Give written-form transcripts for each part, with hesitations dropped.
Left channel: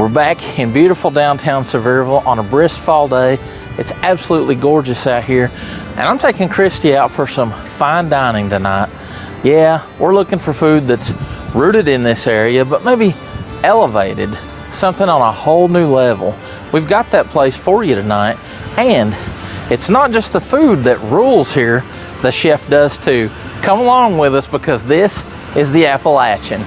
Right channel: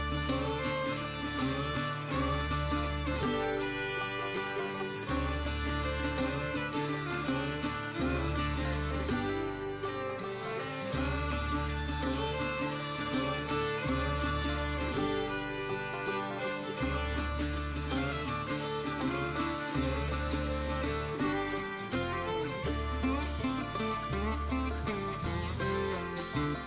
We're back in beautiful downtown Sevierville on a brisk fall day. It's absolutely gorgeous out here, and I'm taking Christy out for some fine dining tonight. Yeah, we're looking for food that's rooted in this area, but maybe elevated, something on a whole new level. We've got that place for you tonight, and it's not just the food that rules here, the chef does too. Come along with us because this is the Appalachian.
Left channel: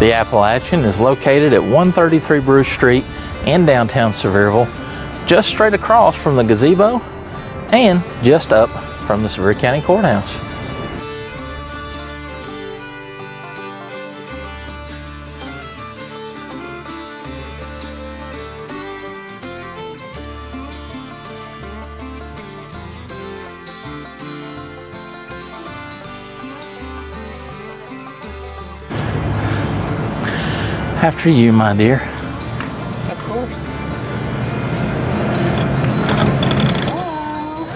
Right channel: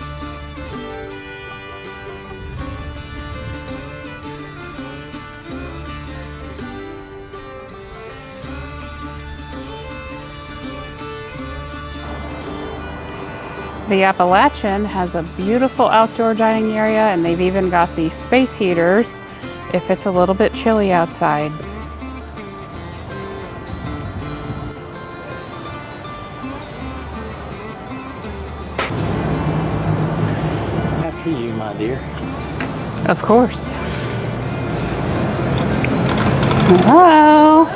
The Appalachian is located at 133 Bruce Street in downtown Sevierville, just straight across from the gazebo and just up from the Sevier County Courthouse. The Appalachian has a beautiful outdoor dining area, and they've even got the space heaters if it's a little bit chilly outside. After you, my dear. Of course. Hello.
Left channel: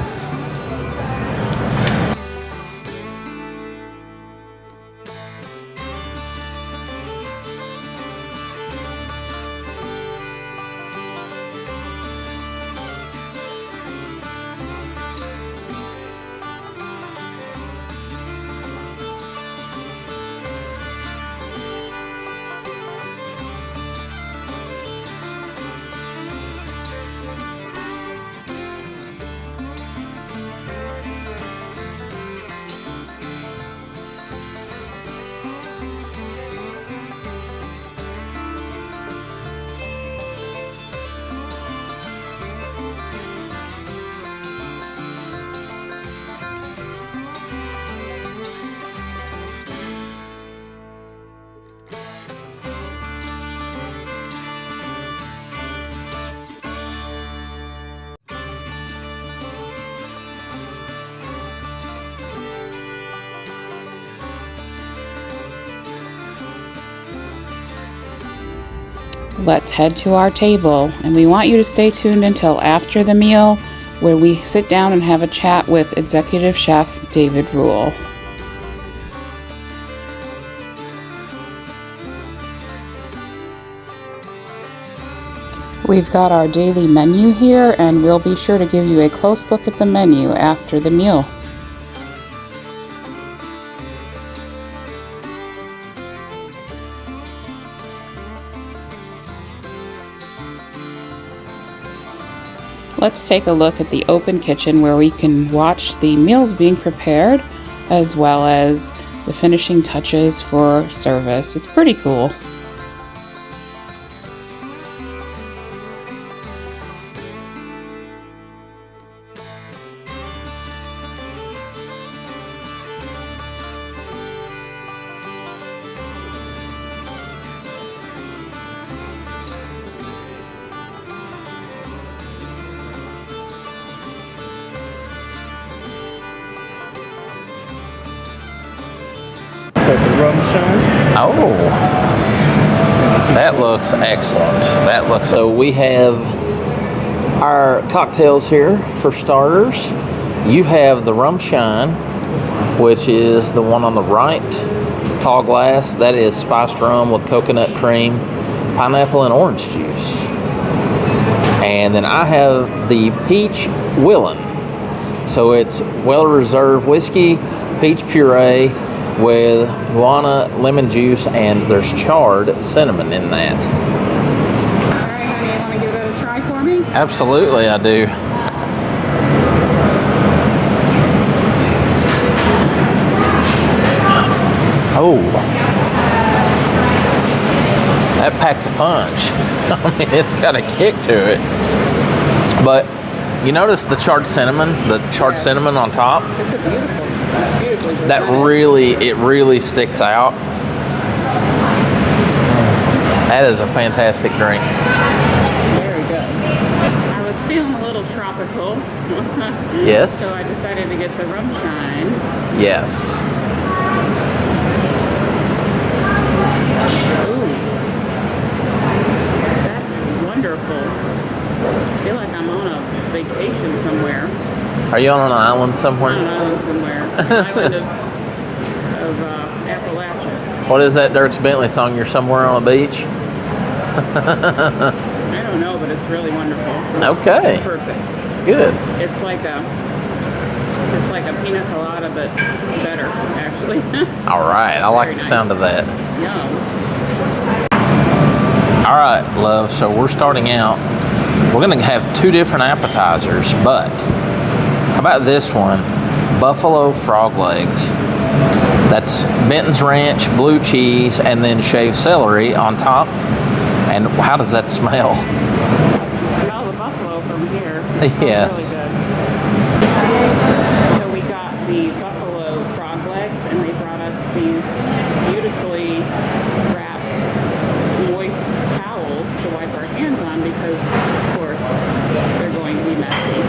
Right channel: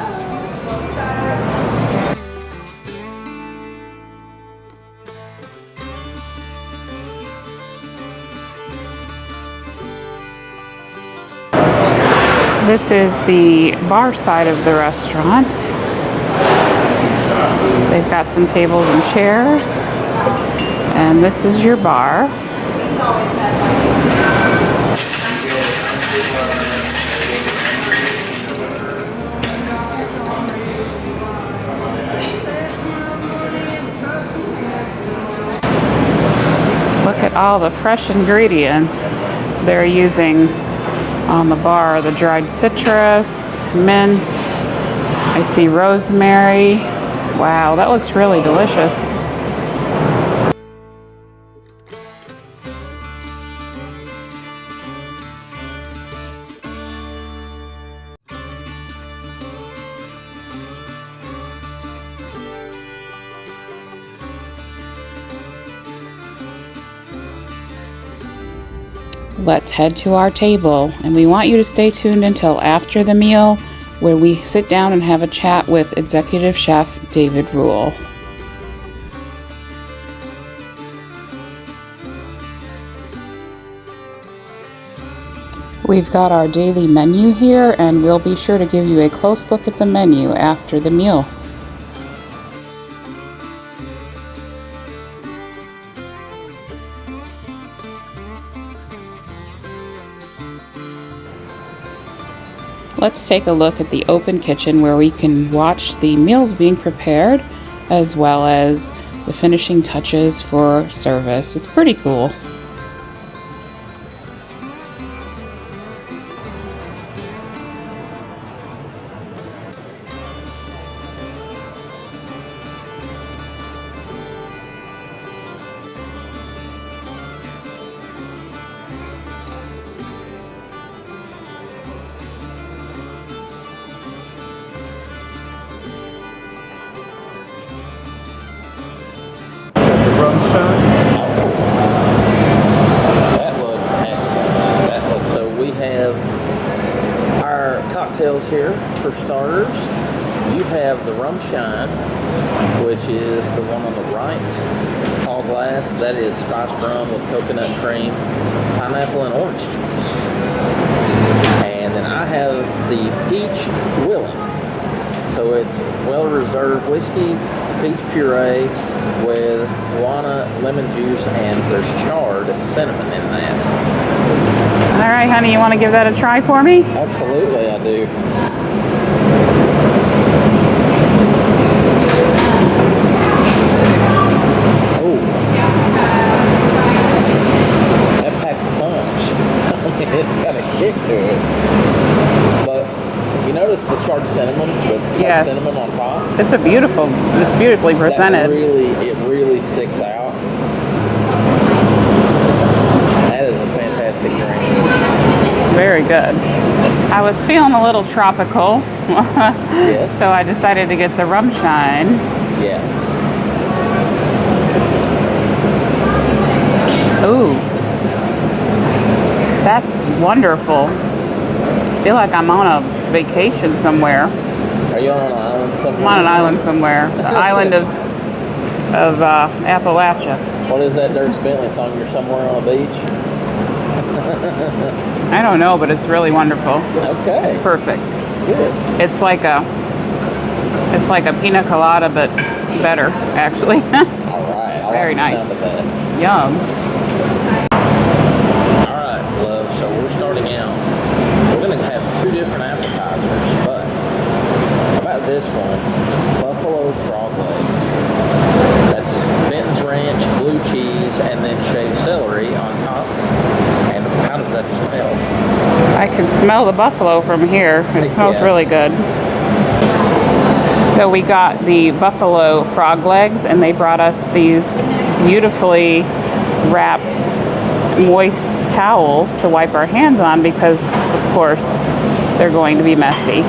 This is the bar side of the restaurant. They've got some tables and chairs, and this is your bar. Look at all the fresh ingredients they're using on the bar. The dried citrus, mint, I see rosemary. Wow, that looks really delicious. Let's head to our table, and we want you to stay tuned until after the meal, where we sit down and have a chat with Executive Chef David Rule. We've got our daily menu here, and we'll be sure to give you a close look at the menu after the meal. Let's take a look at the open kitchen where we can watch the meals being prepared as well as the finishing touches for service. It's pretty cool. Got the rum shine. Oh, that looks excellent. That looks, so we have our cocktails here for starters. You have the rum shine, which is the one on the right, tall glass. That is spiced rum with coconut cream, pineapple, and orange juice. And then I have the peach Willin. So it's well-reserved whiskey, peach puree, with guana, lemon juice, and there's charred cinnamon in that. All right, honey, you want to give that a try for me? Absolutely, I do. Oh, that packs a punch. I mean, it's got a kick to it. But you notice the charred cinnamon, Yes. cinnamon on top? It's beautifully presented. It really sticks out. That is a fantastic drink. Very good. I was feeling a little tropical. Yes. So I decided to get the rum shine. Yes. Ooh. That wonderful. I feel like I'm on a vacation somewhere. Are you on an island I'm somewhere? on an island somewhere. An island of Appalachia. What is that Dirks Bentley song? You're somewhere on a beach? I don't know, but it's really wonderful. Okay. It's perfect. Good. It's like a pina colada, but better, actually. All right. I like Very the nice. sound of that. Yum. All right, love. So we're starting out. We're going to have 2 different appetizers, but how about this one? Buffalo frog legs. That's Benton's Ranch, blue cheese, and then shaved celery on top. And how does that smell? I can smell the buffalo from here. It smells Yes. really good. So we got the buffalo frog legs, and they brought us these beautifully wrapped moist towels to wipe our hands on because, of course, they're going to be messy.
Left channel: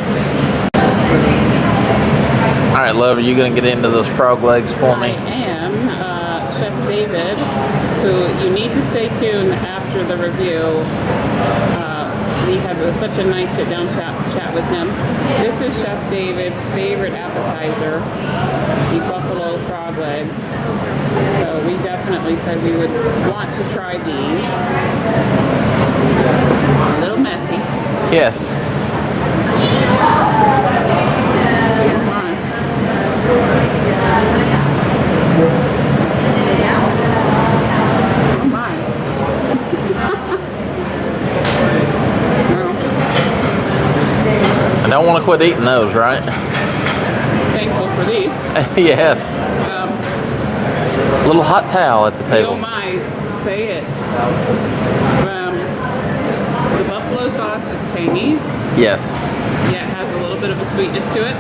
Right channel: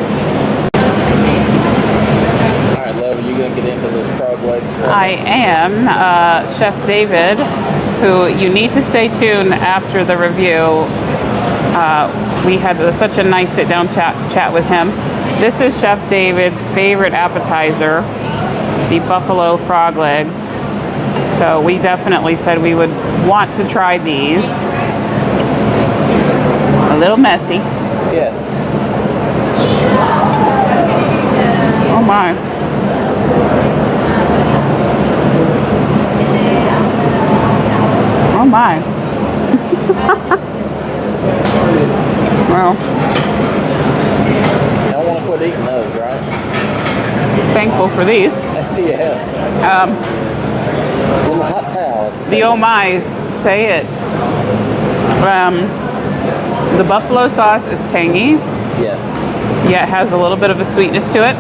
All right, love, are you going to get into those frog legs for I me? am Chef David, who you need to stay tuned after the review. We had such a nice sit-down chat with him. This is Chef David's favorite appetizer, the buffalo frog legs. So we definitely said we would want to try these. A little messy. Yes. Oh my. Oh my. Well, I don't want to quit eating those, right? thankful for these. Yes. A little hot towel at the The table. oh my's say it. The buffalo sauce is tangy. Yes. Yeah, it has a little bit of a sweetness to it.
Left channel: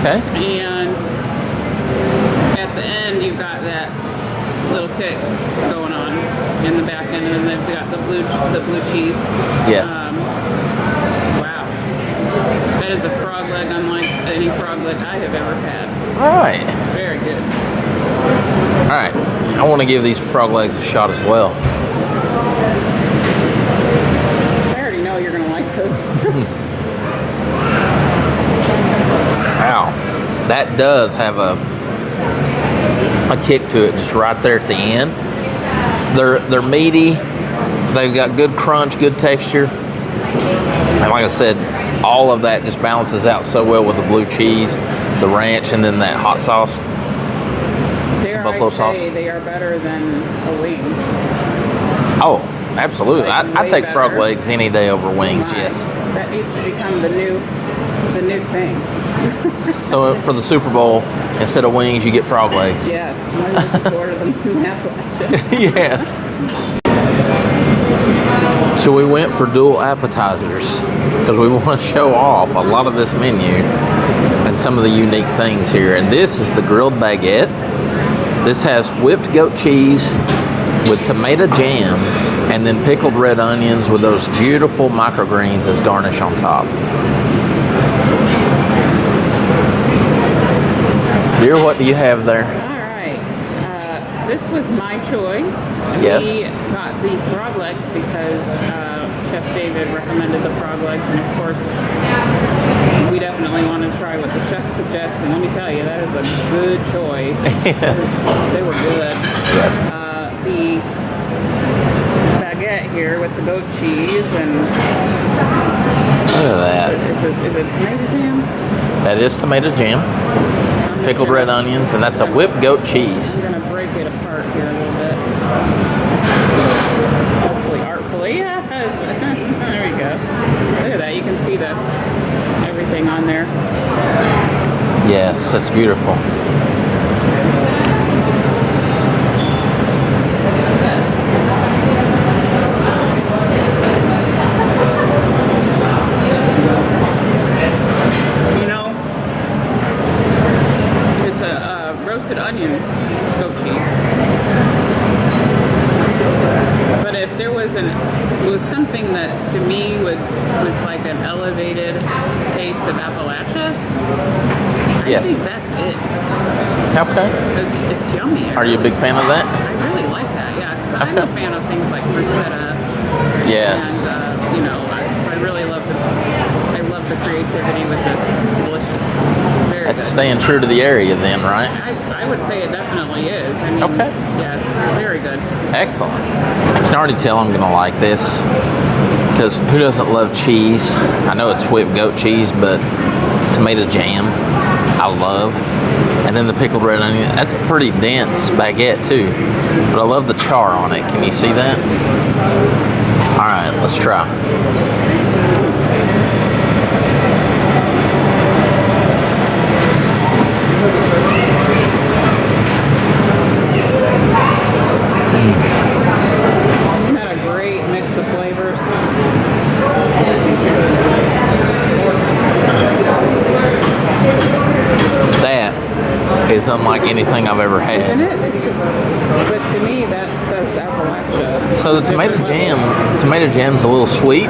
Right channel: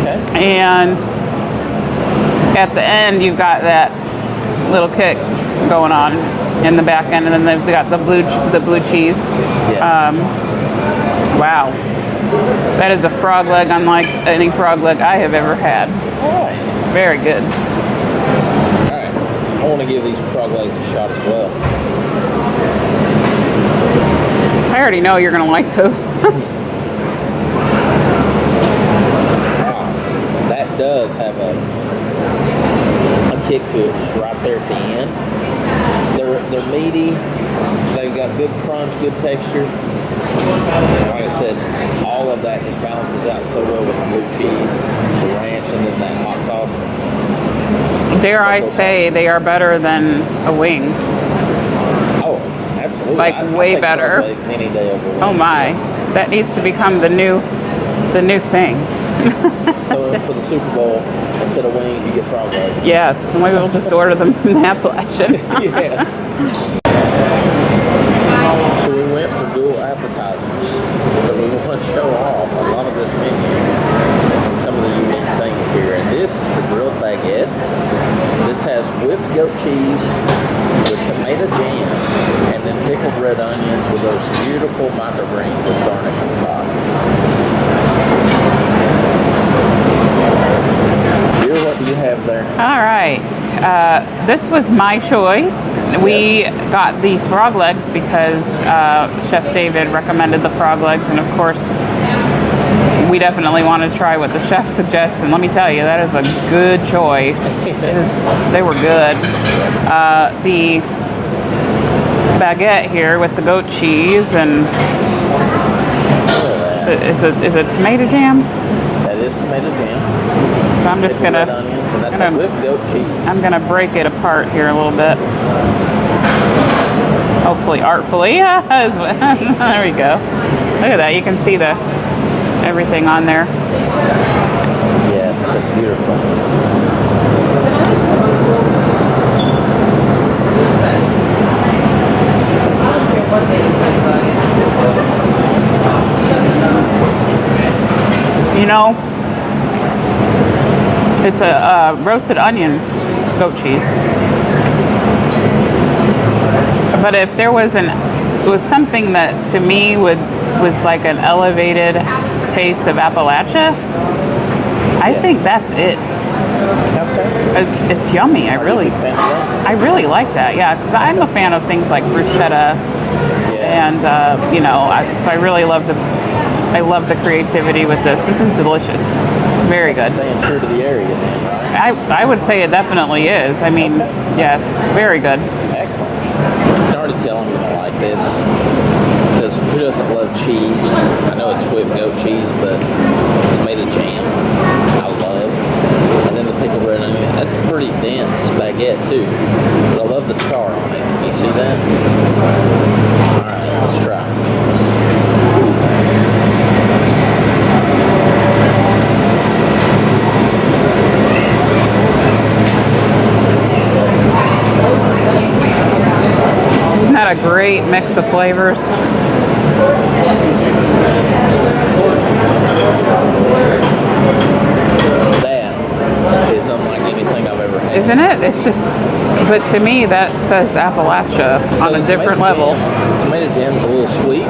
Okay. And at the end, you've got that little kick going on in the back end, and then they've got the blue cheese. Yes. Wow, that is a frog leg unlike any frog leg I have ever had. All right. Very good. All right. I want to give these frog legs a shot as well. I already know you're gonna like those. Wow. That does have a kick to it just right there at the end. They're meaty. They've got good crunch, good texture. And like I said, all of that just balances out so well with the blue cheese, the ranch, and then that hot sauce. Dare I Buffalo say sauce. they are better than a wing. Oh, absolutely. Like, I way take better. frog legs any day over wings. Oh my, Yes. that needs to become the new thing. So for the Super Bowl, instead of wings, you get frog legs. Yes, maybe we'll just order them from Appalachian. Yes. So we went for dual appetizers because we want to show off a lot of this menu and some of the unique things here. And this is the grilled baguette. This has whipped goat cheese with tomato jam and then pickled red onions with those beautiful microgreens as garnish on top. Dear, what do you have there? All right, this was my choice. We got the frog legs because Chef David recommended the frog legs, and of course, we definitely want to try what the chef suggests. And let me tell you, that is a good choice. Yes. They were good. Yes. The baguette here with the goat cheese and Look at that. is it tomato jam? That is tomato jam, So I'm just pickled red gonna onions, and that's a whipped goat cheese. I'm gonna break it apart here a little bit. Hopefully artfully. There we go. Look at that. You can see everything on there. Yes, that's beautiful. You know, it's a roasted onion goat cheese. But if there was something that to me was like an elevated taste of Appalachia, I Yes. think that's it. Okay. It's yummy. Are you a big fan of that? I really like that, yeah, because I'm a fan of things like bruschetta Yes. And you know, so I really love the creativity with this. This is delicious. Very good. Staying true to the area then, right? I would say it definitely is. I mean, yes, very good. Excellent. I can already tell I'm going to like this, because who doesn't love cheese? I know it's whipped goat cheese, but tomato jam, I love. And then the pickled red onion, that's a pretty dense baguette too. But I love the char on it. Can you see that? All right, let's try. Isn't that a great mix of flavors? That is unlike anything I've ever had. Isn't it? It's just, but to me that says Appalachia on a different level. Tomato jam's a little sweet,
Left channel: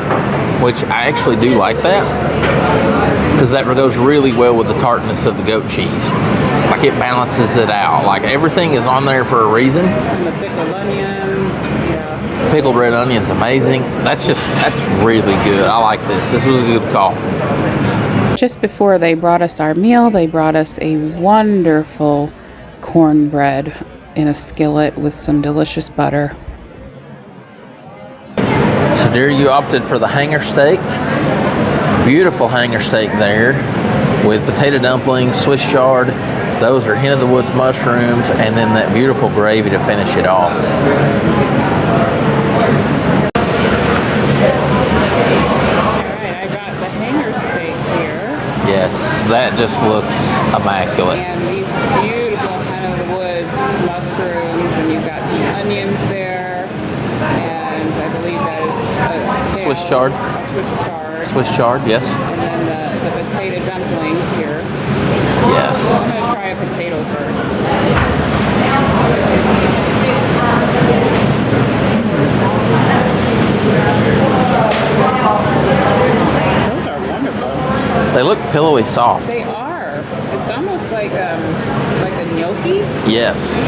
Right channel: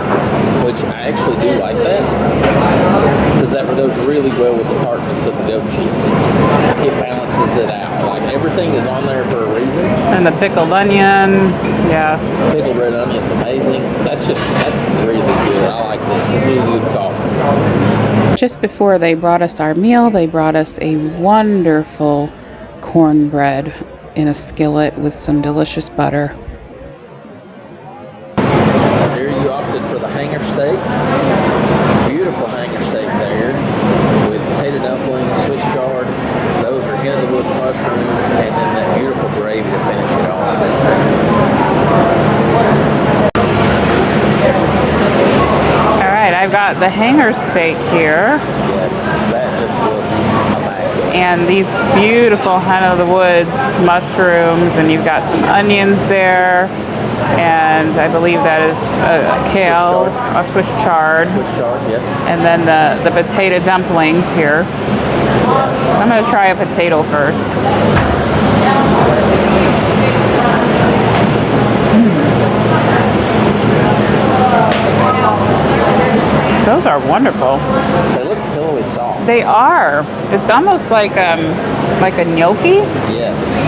which I actually do like that, because that goes really well with the tartness of the goat cheese. Like, it balances it out. Like, everything is on there for a reason. And the pickled onion, yeah. Pickled red onion's amazing. That's really good. I like this. This is a really good call. Just before they brought us our meal, they brought us a wonderful cornbread in a skillet with some delicious butter. So dear, you opted for the hanger steak. Beautiful hanger steak there with potato dumplings, Swiss chard. Those are Hen of the Woods mushrooms, and then that beautiful gravy to finish it off. I've got the hanger steak here. Yes, that just looks immaculate. And these beautiful Hen of the Woods mushrooms, and you've got some onions there, and I believe that is a kale. Swiss chard. Swiss chard. Swiss chard, yes. And then the potato dumplings here. Yes. I'm going to try a potato first. Those are wonderful. They look pillowy soft. They are. It's almost like a gnocchi. Yes.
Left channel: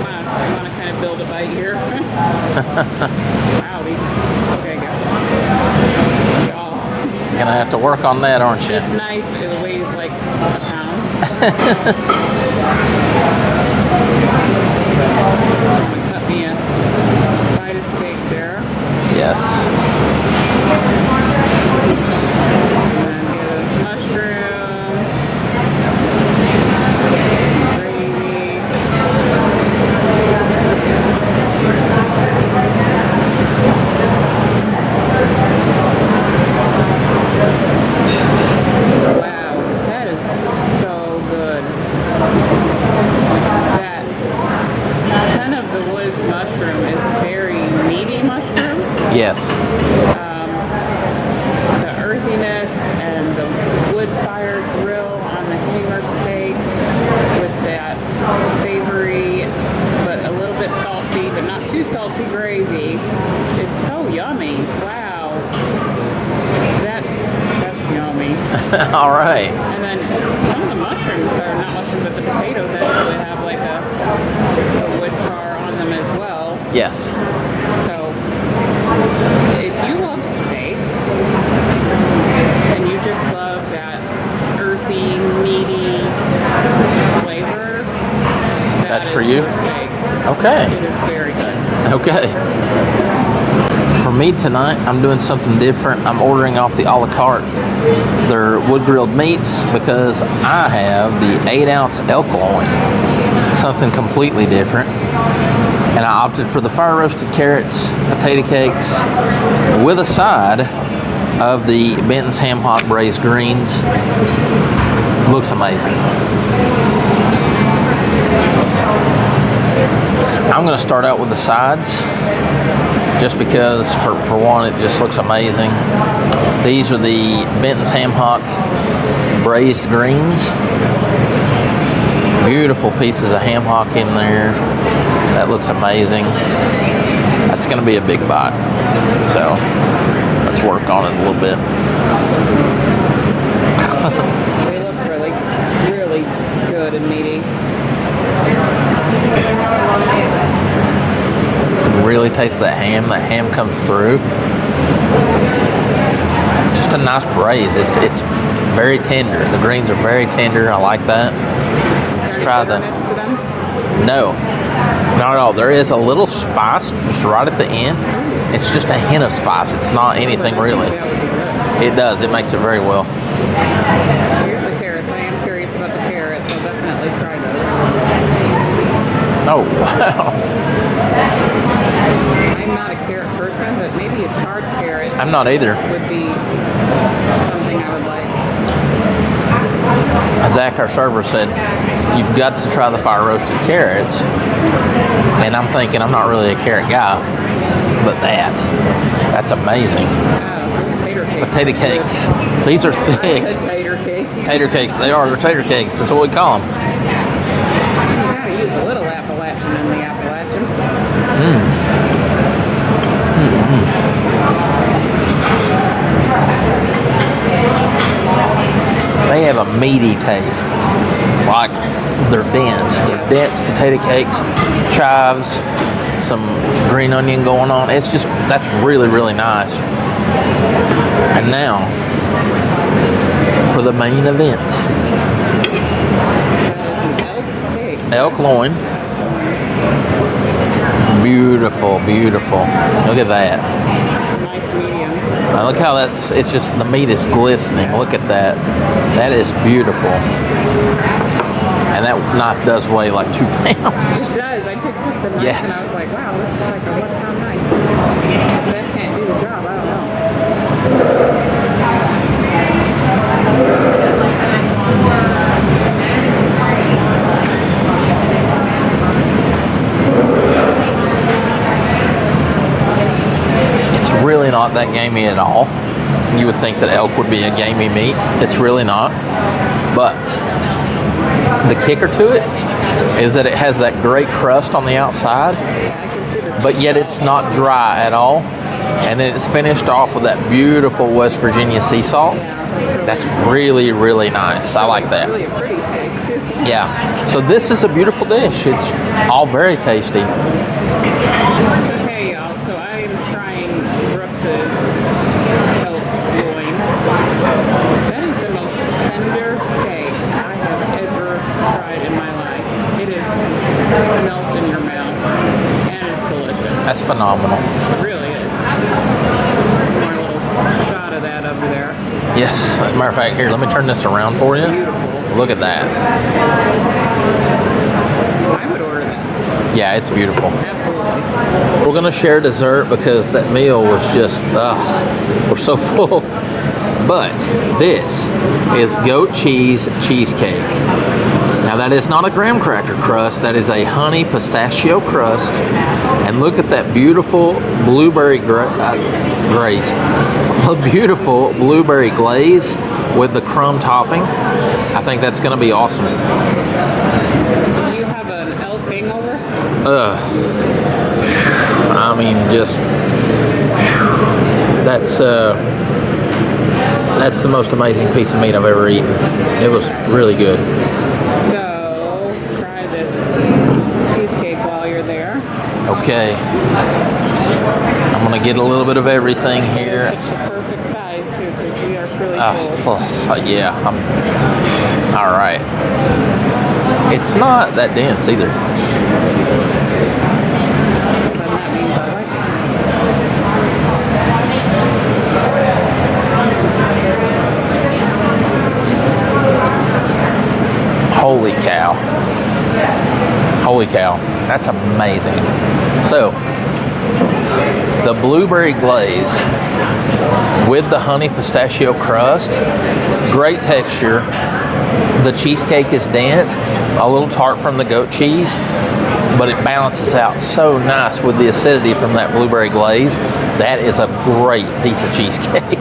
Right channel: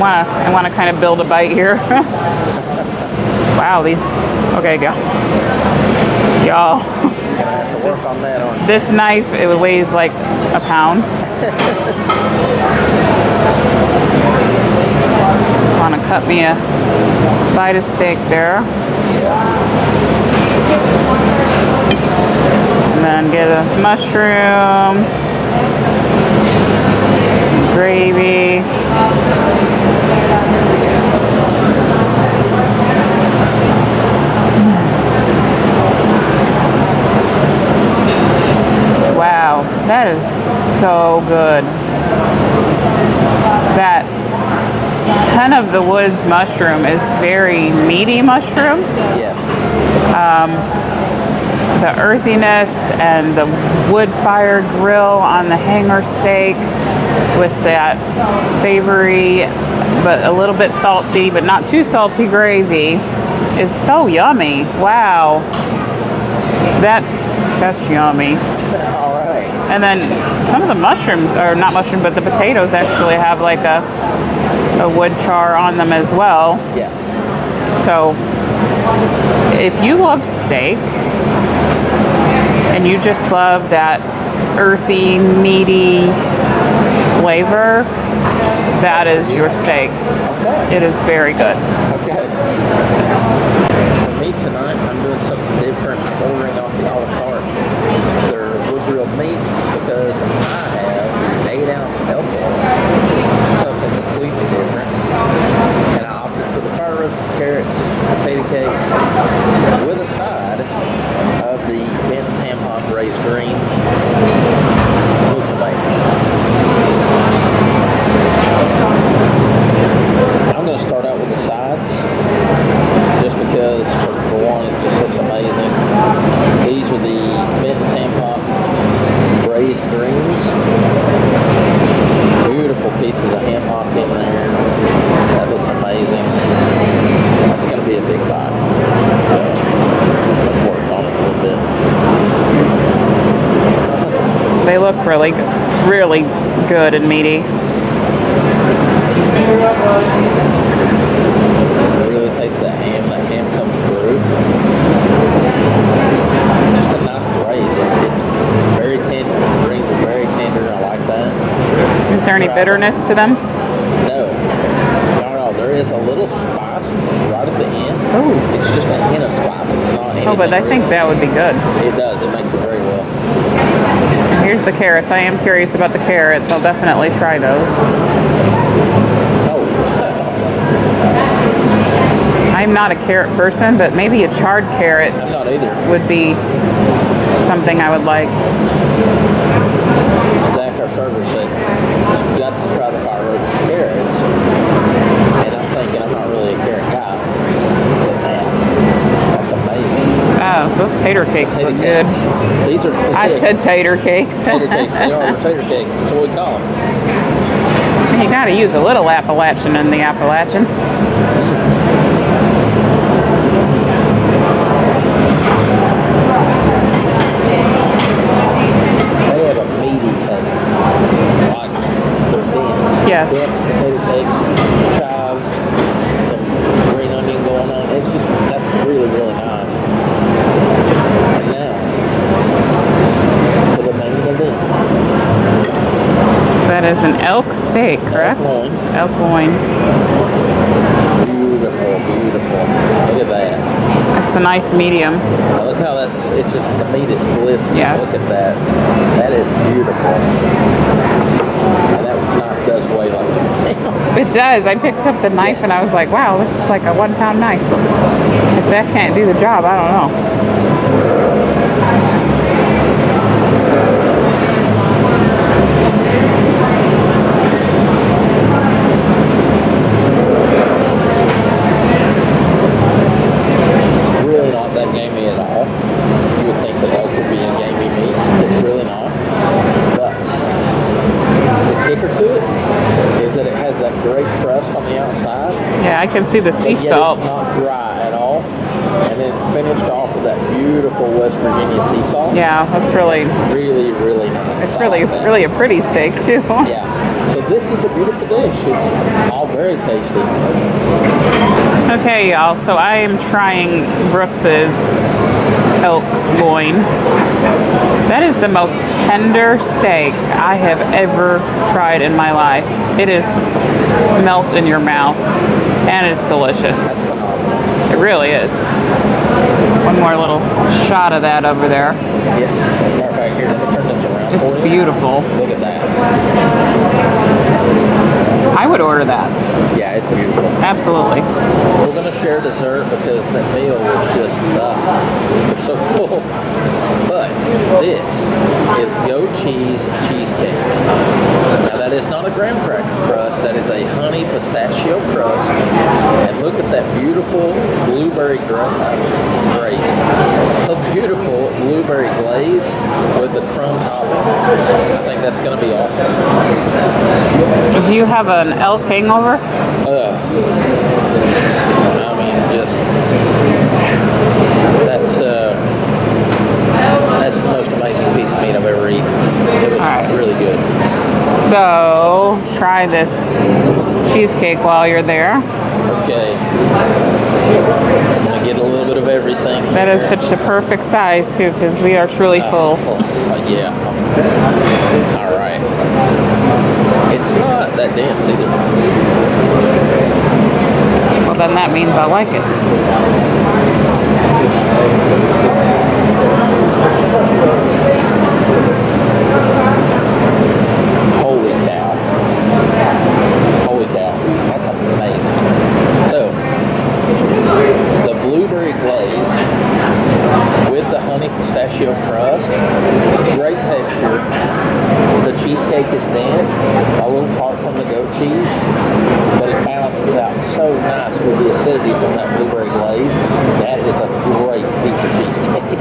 I want to kind of build a bite here. Wow, these. Okay, go. Y'all. Gonna have to work on that, aren't you? This knife, it weighs like a pound. I want to cut me a bite of steak there. Yes. And then get a mushroom, some gravy. Wow, that is so good. That Hen of the Woods mushroom is very meaty mushroom. Yes. The earthiness and the wood-fired grill on the hanger steak with that savory but a little bit salty but not too salty gravy is so yummy. Wow. That's yummy. All right. And then some of the mushrooms, or not mushroom, but the potatoes actually have like a wood char on them as well. Yes. So if you love steak and you just love that earthy, meaty flavor, that is your steak. Okay. It is very good. Okay. For me tonight, I'm doing something different. I'm ordering off the a la carte. They're wood grilled meats because I have the 8-ounce elk loin. Something completely different. And I opted for the fire roasted carrots, potato cakes, with a side of the Benton's ham hock braised greens. Looks amazing. I'm going to start out with the sides, just because for one, it just looks amazing. These are the Benton's ham hock braised greens. Beautiful pieces of ham hock in there. That looks amazing. That's going to be a big bite. So let's work on it a little bit. They look really, really good and meaty. taste that ham. That ham comes through. Just a nice braise. It's very tender. The greens are very tender. I like that. Is there any bitterness to them? No, not at all. There is a little spice just right at the end. Ooh. It's just a hint of spice. It's not anything but I really. think that would be good. It does. It makes it very well. Here's the carrots. I am curious about the carrots. I'll definitely try those. Oh, wow. I'm not a carrot person, but maybe a charred carrot I'm not either. would be something I would like. Zach, our server, said, you've got to try the fire roasted carrots. And I'm thinking, I'm not really a carrot guy, but that's amazing. Oh, those tater cakes. Potato look good. cakes. These are thick. I said tater cakes. Tater cakes. They are tater cakes. That's what we call them. You gotta use a little Appalachian in the Appalachian. They have a meaty taste. Like, they're dense. Yes. Dense potato cakes, chives, some green onion going on. That's really, really nice. And now, for the main event. That is an elk steak, correct? Elk loin. Elk loin. Beautiful, beautiful. Look at that. It's a nice medium. Now look how it's just, the meat is glistening. Yes. Look at that. That is beautiful. And that knife does weigh like 2 pounds. It does. I picked up the knife Yes. and I was like, wow, this is like a 1 pound knife. If that can't do the job, I don't know. It's really not that gamey at all. You would think that elk would be a gamey meat. It's really not. But the kicker to it is that it has that great crust on the outside, Yeah, I can see the sea but yet salt. it's not dry at all. And then it's finished off with that beautiful West Virginia sea salt. Yeah, that's really, Really, really nice. it's I really, like that. really a pretty steak too. Yeah. So this is a beautiful dish. It's all very tasty. Okay, y'all. So I am trying Brooks's elk loin. That is the most tender steak I have ever tried in my life. It is melt in your mouth, and it's delicious. That's phenomenal. It really is. One more little shot of that over there. Yes. As a matter of fact, here, let me turn this around for you. Beautiful. Look at that. I would order that. Yeah, it's beautiful. Absolutely. We're gonna share dessert because that meal was just, we're so full. But this is goat cheese cheesecake. Now that is not a graham cracker crust, that is a honey pistachio crust. And look at that beautiful blueberry glaze. A beautiful blueberry glaze with the crumb topping. I think that's gonna be awesome. Do you have an elk hangover? I mean, just, that's the most amazing piece of meat I've ever eaten. It was All right. really good. So try this cheesecake while you're there. Okay. I'm gonna get a little bit of everything here. That is such a perfect size too, because we are truly full. Yeah. All right. It's not that dense either. Well, then that means I like it. Holy cow. Holy cow. That's amazing. So, the blueberry glaze with the honey pistachio crust, great texture. The cheesecake is dense, a little tart from the goat cheese, but it balances out so nice with the acidity from that blueberry glaze. That is a great piece of cheesecake.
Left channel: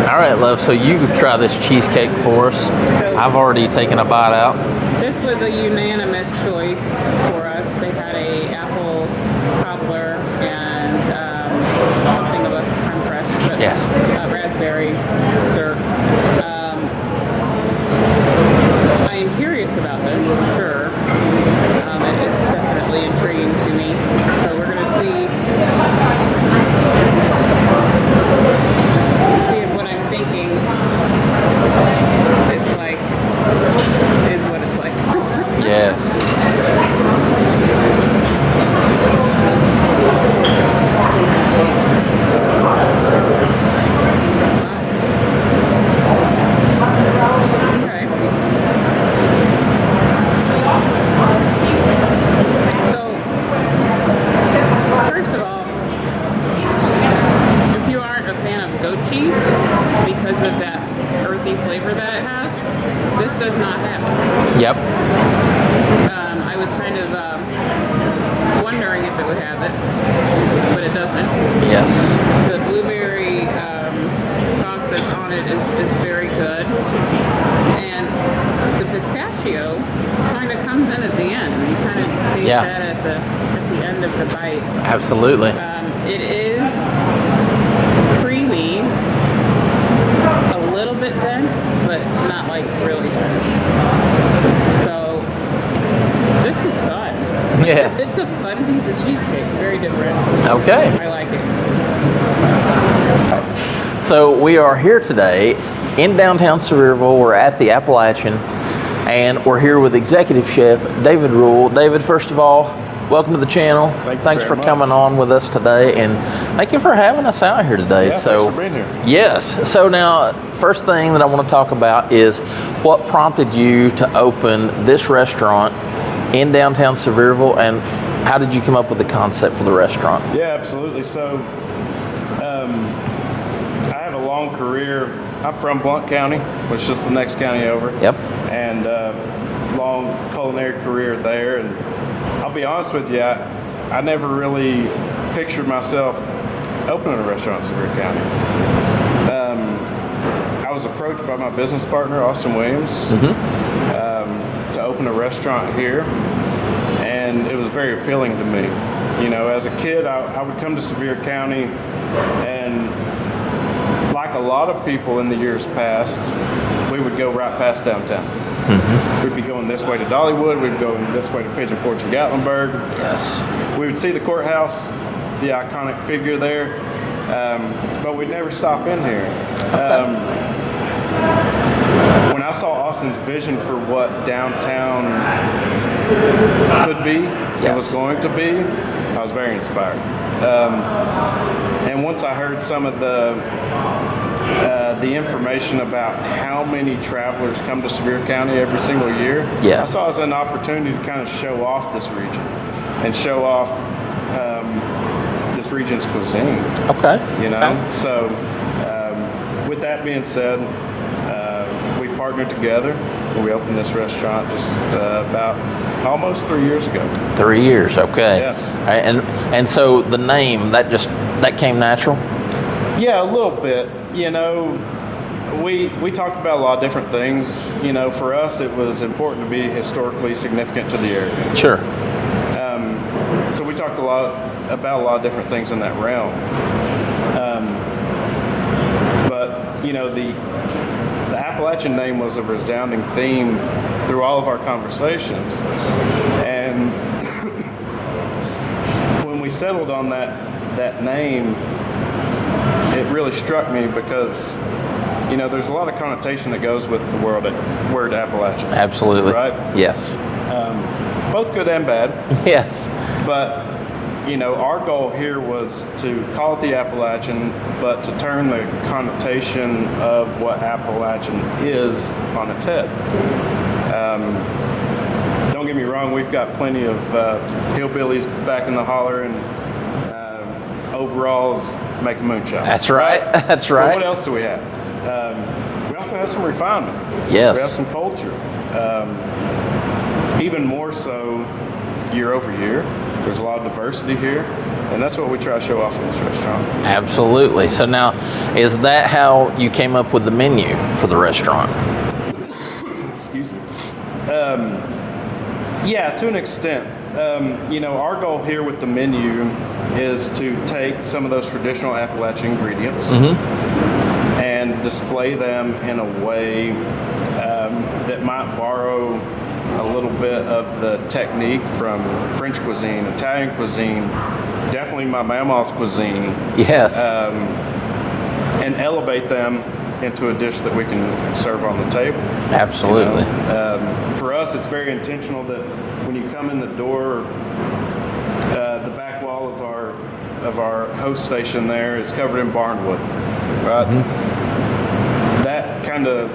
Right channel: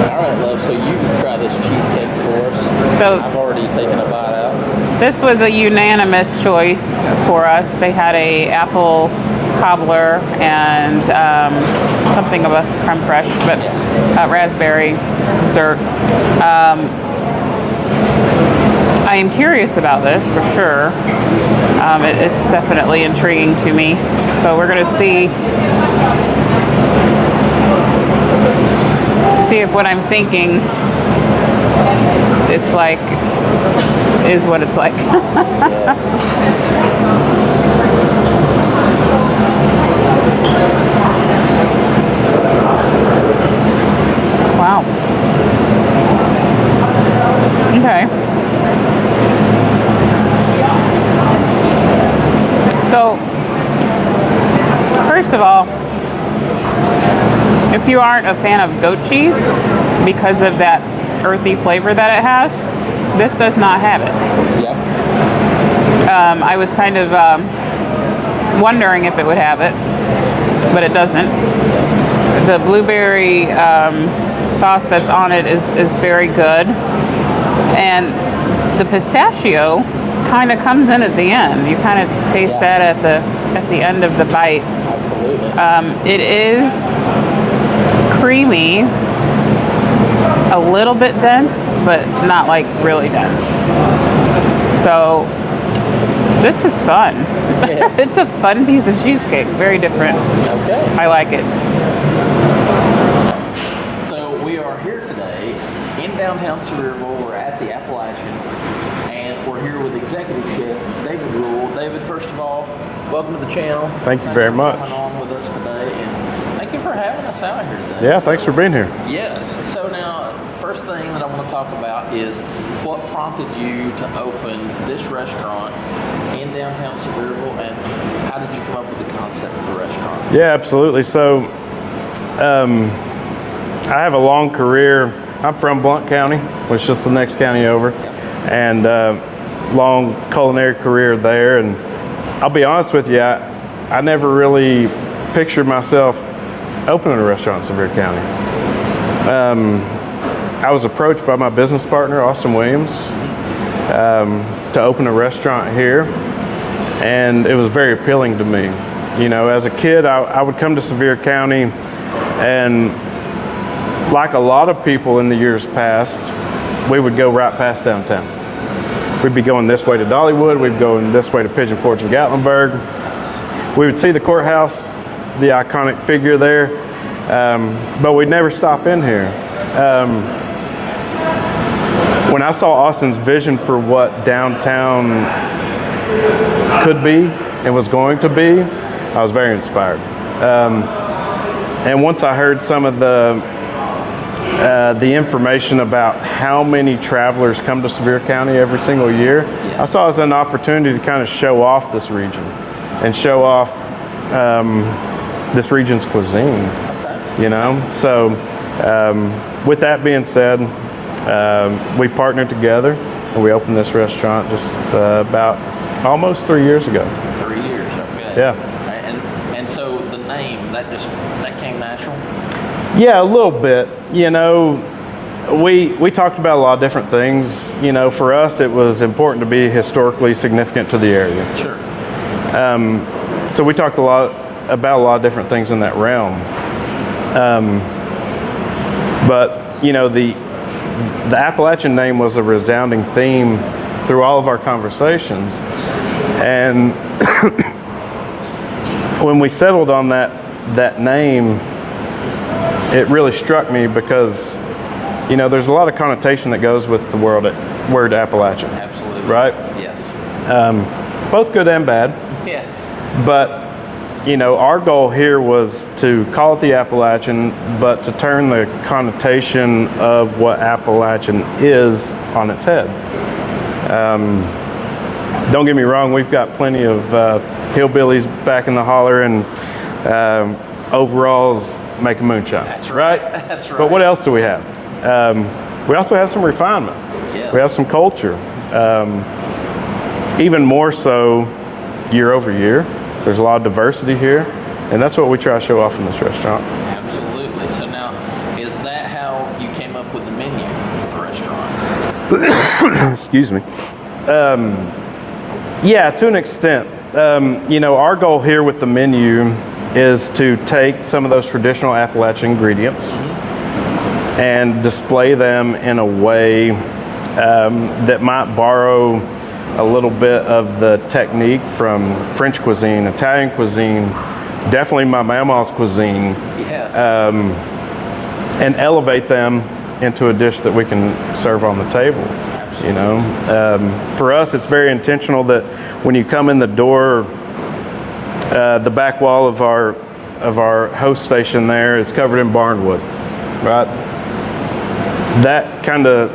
All right, love, so you try this cheesecake for us. So I've already taken a bite out. this was a unanimous choice for us. They had a apple cobbler and something of a creme fraiche, but Yes. raspberry dessert. I am curious about this for sure. It's definitely intriguing to me. So we're gonna see if what I'm thinking it's like is what it's like. Yes. Wow. Okay. So, first of all, if you aren't a fan of goat cheese because of that earthy flavor that it has, this does not have it. Yep. I was kind of wondering if it would have it, but it doesn't. Yes. The blueberry sauce that's on it is very good, and the pistachio kind of comes in at the end. You kind of taste that at the end of the bite. Absolutely. It is creamy, a little bit dense, but not like really dense. So this is fun. Yes. It's a fun piece of cheesecake. Very different. Okay. I like it. So we are here today in downtown Sevierville. We're at the Appalachian, and we're here with Executive Chef David Rule. David, first of all, welcome to the channel. Thanks for much. coming on with us today, and thank you for having us out here today. Yeah, thanks for being here. Yes. So now, first thing that I want to talk about is what prompted you to open this restaurant in downtown Sevierville, and how did you come up with the concept for the restaurant? Yeah, absolutely. So, I have a long career. I'm from Blount County, which is just the next county over. Yep. And long culinary career there. And I'll be honest with you, I never really pictured myself opening a restaurant in Sevier County. I was approached by my business partner, Austin Williams, to open a restaurant here, and it was very appealing to me. You know, as a kid, I would come to Sevier County, and like a lot of people in the years past, we would go right past downtown. We'd be going this way to Dollywood, we'd go this way to Pigeon Forge and Gatlinburg. Yes. We would see the courthouse, the iconic figure there, but we'd never stop in here. When I saw Austin's vision for what downtown could be and was going to be, I was very inspired. And once I heard some of the information about how many travelers come to Sevier County every single year, I saw it as an opportunity to kind of show off this region and show off this region's cuisine. Okay. You know, so with that being said, we partnered together and we opened this restaurant just about almost 3 years ago. 3 years, okay. Yeah. All right, and so the name, that came natural? Yeah, a little bit. You know, we talked about a lot of different things. You know, for us, it was important to be historically significant to the area. Sure. So we talked about a lot of different things in that realm. But, you know, the Appalachian name was a resounding theme through all of our conversations. And when we settled on that name, it really struck me because, you know, there's a lot of connotation that goes with the word Appalachian. Absolutely. Right? Yes. Both good and bad. Yes. But, you know, our goal here was to call it the Appalachian, but to turn the connotation of what Appalachian is on its head. Don't get me wrong, we've got plenty of hillbillies back in the holler and overalls making moonshine. That's right. That's right. But what else do we have? We also have some refinement. Yes. We have some culture. Even more so year over year. There's a lot of diversity here, and that's what we try to show off in this restaurant. Absolutely. So now, is that how you came up with the menu for the restaurant? Excuse me. Yeah, to an extent. You know, our goal here with the menu is to take some of those traditional Appalachian ingredients and display them in a way that might borrow a little bit of the technique from French cuisine, Italian cuisine, definitely my mama's cuisine. Yes. And elevate them into a dish that we can serve on the table. Absolutely. You know? For us, it's very intentional that when you come in the door, the back wall of our host station there is covered in barnwood, right? Mm-hmm. That kind of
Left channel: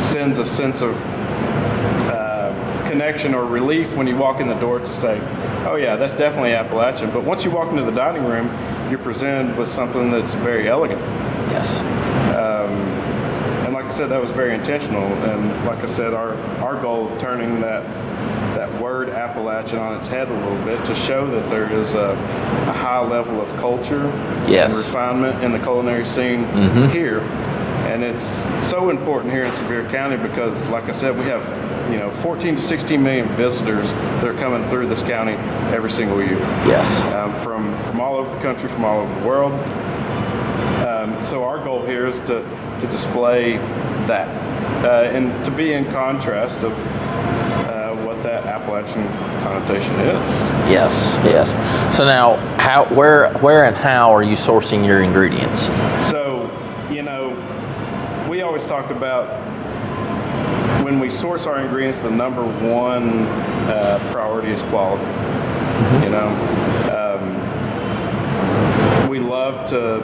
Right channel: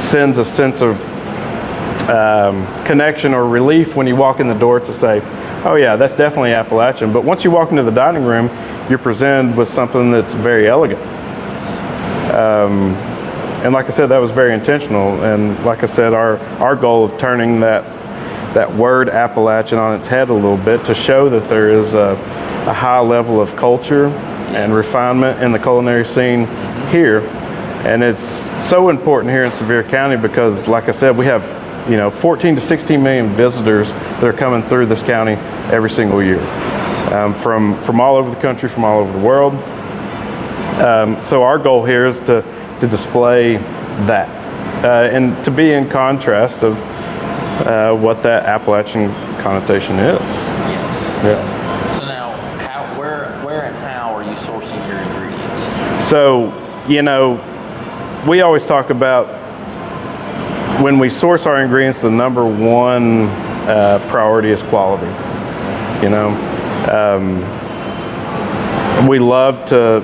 sends a sense of connection or relief when you walk in the door to say, oh yeah, that's definitely Appalachian. But once you walk into the dining room, you're presented with something that's very elegant. Yes. And like I said, that was very intentional. And like I said, our goal of turning that word Appalachian on its head a little bit to show that there is a high level of culture yes. and refinement in the culinary scene mm-hmm. here. And it's so important here in Sevier County because, like I said, we have 14 to 16 million visitors that are coming through this county every single year. Yes. From all over the country, from all over the world. So our goal here is to display that and to be in contrast of what that Appalachian connotation is. Yes, yes. So now, where and how are you sourcing your ingredients? So, we always talk about when we source our ingredients, the number one priority is quality. We love to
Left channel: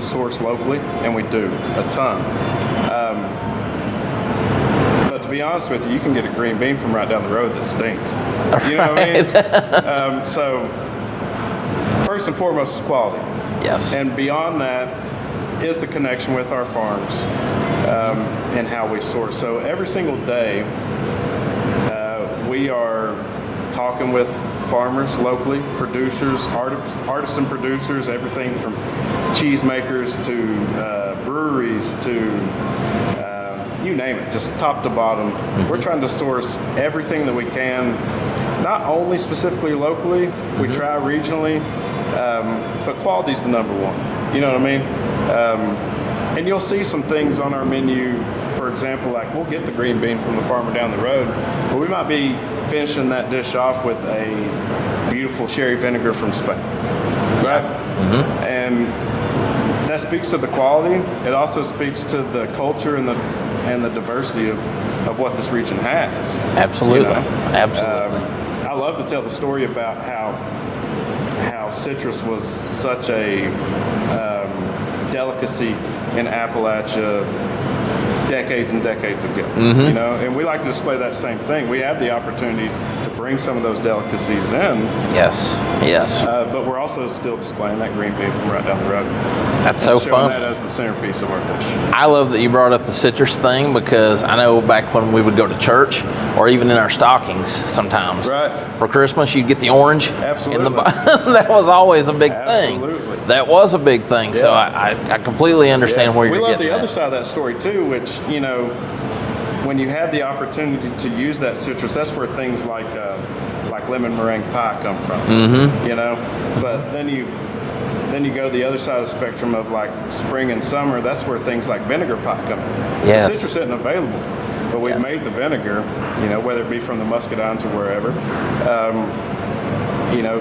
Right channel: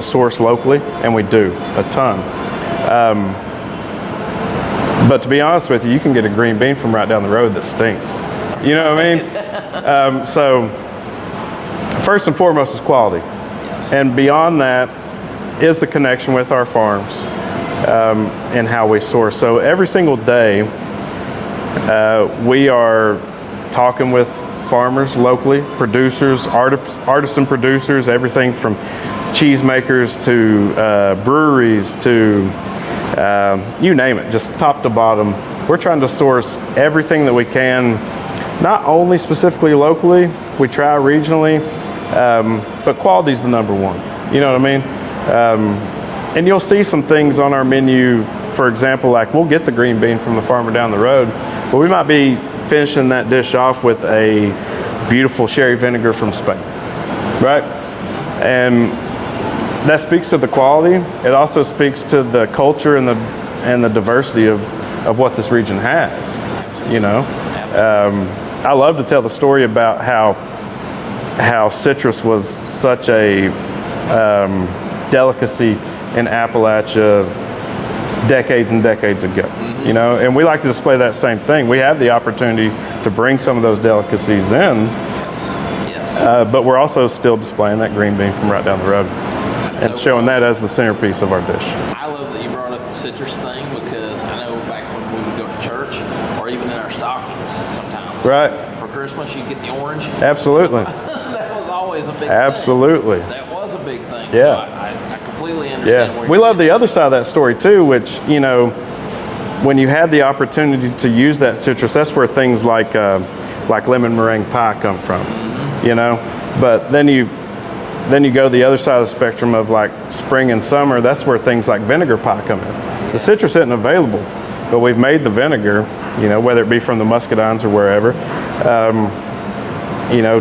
source locally, and we do a ton. But to be honest with you, you can get a green bean from right down the road that stinks. You know what I mean? So first and foremost is quality. Yes. And beyond that is the connection with our farms and how we source. So every single day we are talking with farmers locally, producers, artisan producers, everything from cheesemakers to breweries to you name it, just top to bottom. Mm-hmm. We're trying to source everything that we can, not only specifically locally, we try regionally, but quality is the number one. You know what I mean? And you'll see some things on our menu, for example, like we'll get the green bean from the farmer down the road, but we might be finishing that dish off with a beautiful sherry vinegar from Spain, right? Mm-hmm. And that speaks to the quality. It also speaks to the culture and the diversity of what this region has. Absolutely. Absolutely. I love to tell the story about how citrus was such a delicacy in Appalachia decades and decades ago. Mm-hmm. And we like to display that same thing. We have the opportunity to bring some of those delicacies in. Yes, yes. But we're also still displaying that green bean from right down the road. That's so showing fun. That as the centerpiece of our dish. I love that you brought up the citrus thing because I know back when we would go to church or even in our stockings sometimes. Right. For Christmas, you'd get the orange. Absolutely. That was always a big thing. Absolutely. That was a big thing. Yeah. So I completely understand where you're We love the at. other side of that story too, which, when you had the opportunity to use that citrus, that's where things like lemon meringue pie come from. Mm-hmm. But then you go the other side of the spectrum of like spring and summer, that's where things like vinegar pie come in. Yes. The citrus isn't available, but we've made the vinegar, whether it be from the muscadines or wherever,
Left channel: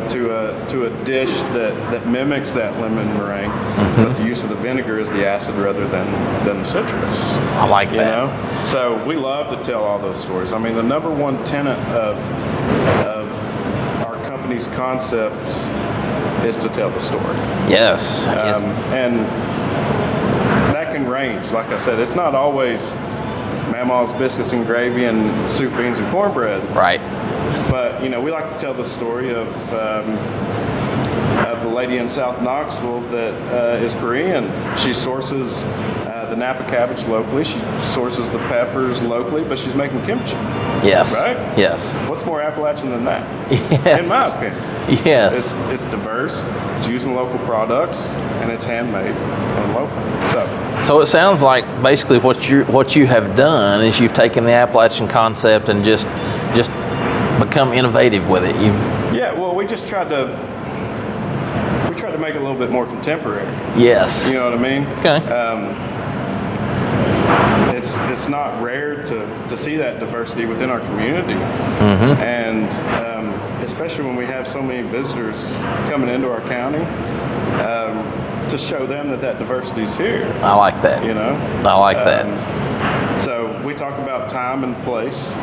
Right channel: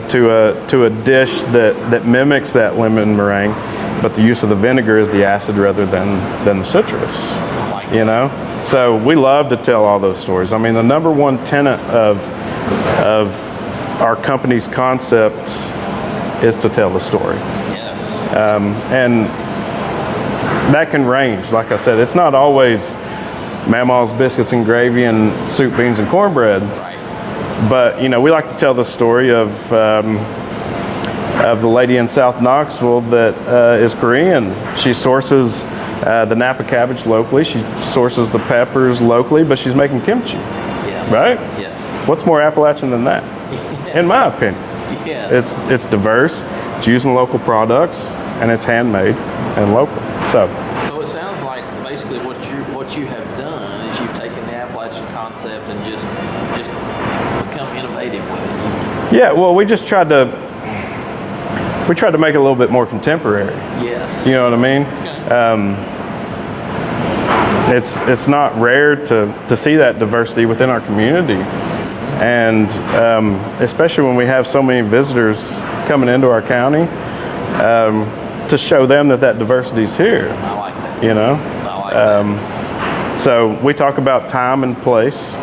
to a dish that mimics that lemon meringue, mm-hmm. but the use of the vinegar is the acid rather than the citrus. I like that. So we love to tell all those stories. I mean, the number one tenet of our company's concept is to tell the story. Yes. And that can range. Like I said, it's not always Mama's biscuits and gravy and soup, beans, and cornbread. Right. But we like to tell the story of the lady in South Knoxville that is Korean. She sources the Napa cabbage locally. She sources the peppers locally, but she's making kimchi. Yes. Right? Yes. What's more Appalachian than that? Yes. In my opinion. Yes. It's diverse, it's using local products, and it's handmade and local. So it sounds like basically what you have done is you've taken the Appalachian concept and just become innovative with it. Well, we tried to make it a little bit more contemporary. Yes. You know what I mean? Okay. it's not rare to see that diversity within our community, and especially when we have so many visitors coming into our county, to show them that diversity is here. I like that. You know, I like that. So we talk about time and place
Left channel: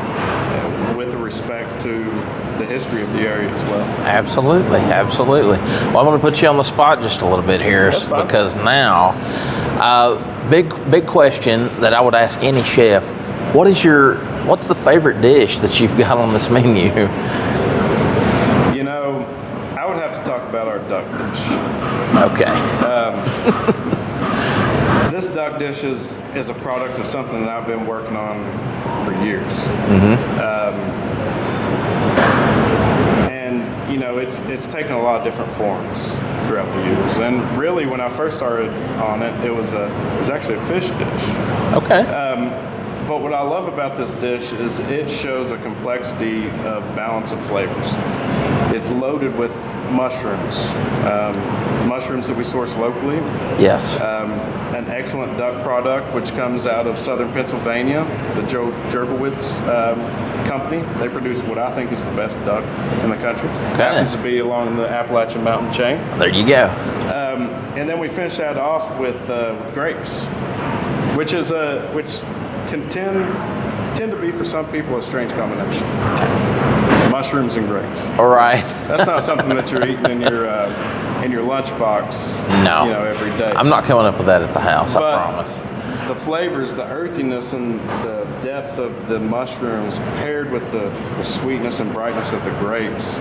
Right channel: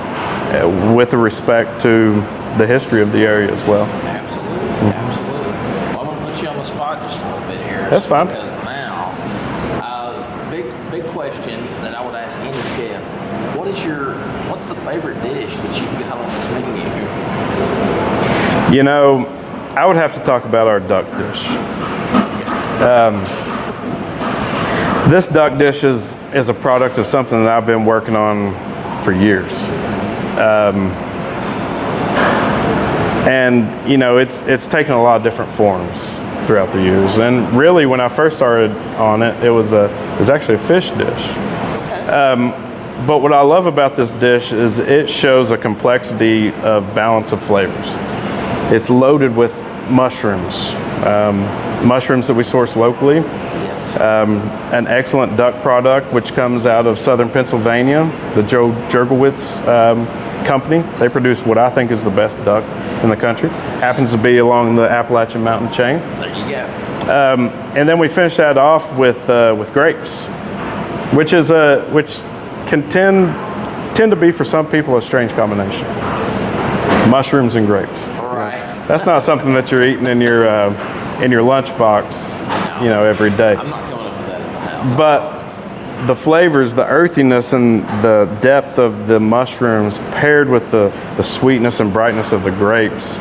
with respect to the history of the area as well. Absolutely, absolutely. Well, I'm going to put you on the spot just a little bit here. That's fine. Because now, big question that I would ask any chef: what's the favorite dish that you've got on this menu? You know, I would have to talk about our duck dish. Okay. This duck dish is a product of something that I've been working on for years. And you know, it's taken a lot of different forms throughout the years. And really, when I first started on it, it was actually a fish dish. Okay. But what I love about this dish is it shows a complexity of balance of flavors. It's loaded with mushrooms, mushrooms that we source locally. Yes. An excellent duck product, which comes out of southern Pennsylvania, the Joe Jergowitz company. They produce what I think is the best duck in the country. Okay. Happens to be along the Appalachian mountain chain. There you go. And then we finish that off with grapes, which can tend to be for some people a strange combination. Mushrooms and grapes. All right. That's not something that you're eating in your lunchbox. No. You know, every day. I'm not coming up with that at the house. But I promise. the flavors, the earthiness, and the depth of the mushrooms, paired with the sweetness and brightness of the grapes,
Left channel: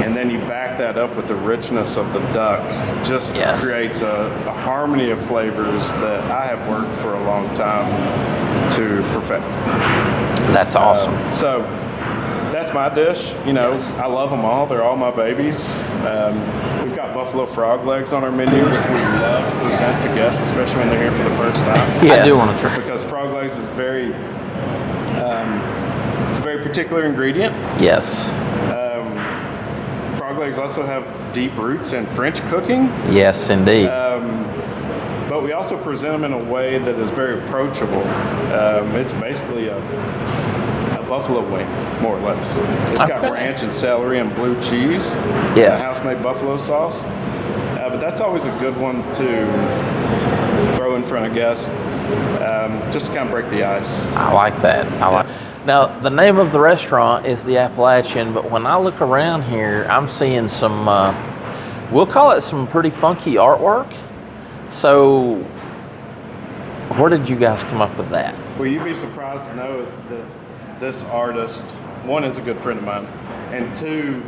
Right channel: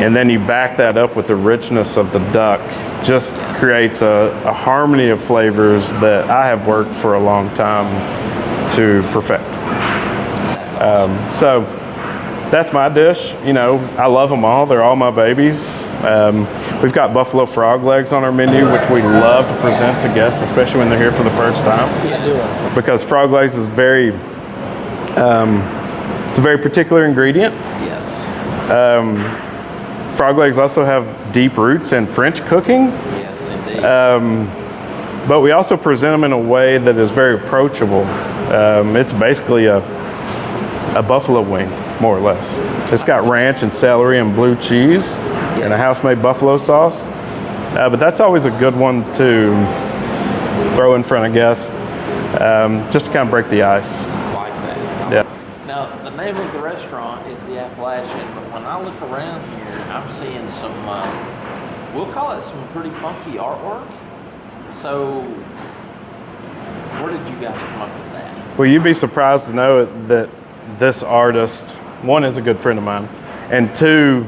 and then you back that up with the richness of the duck, just creates a harmony of flavors that I have worked for a long time to perfect. That's awesome. So that's my dish. You know, I love them all. They're all my babies. We've got buffalo frog legs on our menu, which we love to present to guests, especially when they're here for the first time. Yes. I do want to try. Because frog legs is it's a very particular ingredient. Yes. Frog legs also have deep roots in French cooking. Yes, indeed. But we also present them in a way that is very approachable. It's basically a buffalo wing, more or less. It's got ranch and celery and blue cheese and a house-made buffalo sauce. But that's always a good one to throw in front of guests, just to kind of break the ice. I like that. Now, the name of the restaurant is the Appalachian, but when I look around here, I'm seeing some, we'll call it some pretty funky artwork. So, where did you guys come up with that? Well, you'd be surprised to know that this artist, one, is a good friend of mine, and two,